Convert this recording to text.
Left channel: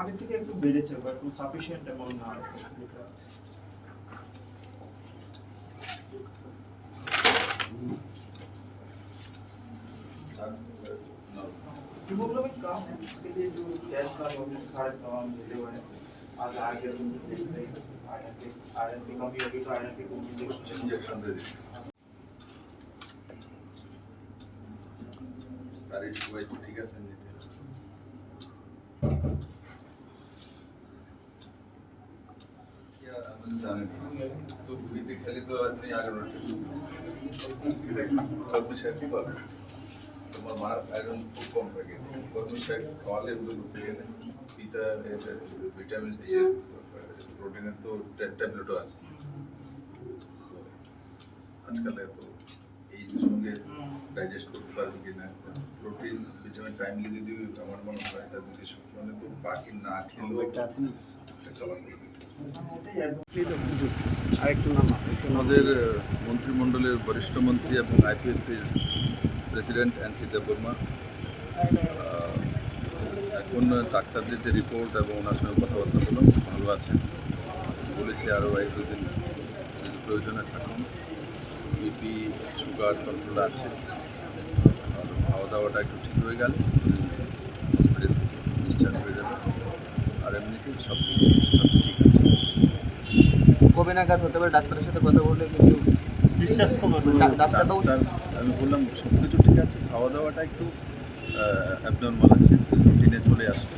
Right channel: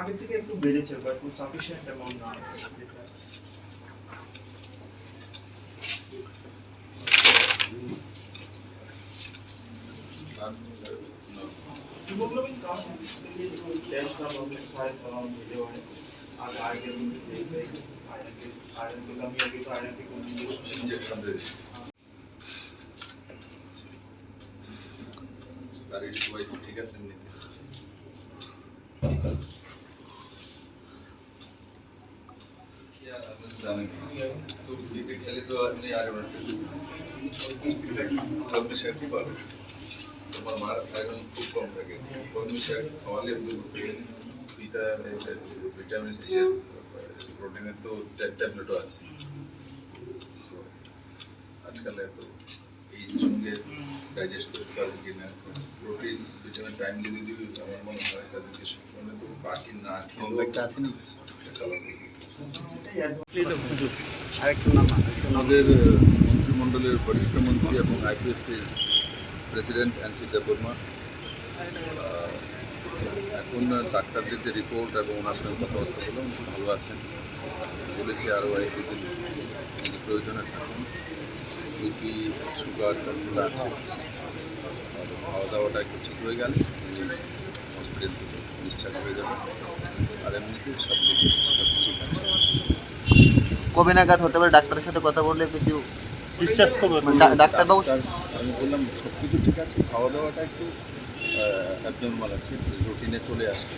আগের থেকে একটু বেড়েছে, বাট সাফিসিয়েন্ট অ্যামাউন্ট না। हीमोग्लोबिन कम है, इसके लिए जो टेस्ट का हम सारे मिले हुए हैं। आज आगे दिन आयरन की कमी होगी तो आयरन की इंजेक्शन दे दी सारी दवाई ठीक है सर तो ये खाली तो आदमी आ रहे हैं खूब भाলো তোমার মার আয়রন খুব কম থাকে কর্মি শাক খাওয়ালে ভিটামিন প্রোটিনের তো ট্যাবলেটও আছে আজকাল এত এই সঙ্গে ডাইজেস্ট করতে পারবে কিনা প্রোটিন ভিটামিন টাইমলি যদি আমার মনে হয় তাদেরকে সবসময় তো বাকি না খেলেও আমাদের মন্ত্রিমণ্ডলের বরিষ্ঠ মন্ত্রী এবং আইপিএফের প্রেসিডেন্ট এনসি দেববর্মা এখন ডাক্তারদের যে রিপোর্ট এবং ওনার সঙ্গে কথাবার্তা বললাম ভালো আছেন বলেছি আরও এক দুদিন যদি প্রয়োজনে থাকুন বিপি সুগার কন্ট্রোল আছে আর খাওয়া দাওয়াটা একটু ঠিক হয়ে গেলে উনি হসপিটাল থেকে ডিসচার্জ হয়ে যাবে আর এমনিতে সব ঠিক আছে। কবে নাগাদ হতে পারে ডাক্তারের সাথে কথা বললে কিছু বিশ্বাস করবেন ডাক্তারবাবু? আমি বললাম সব কিছু ঠিক আছে, খাওয়া দাওয়াটা একটু অ্যাবনর্মাল আছে, রুটিনে চলে আসছে।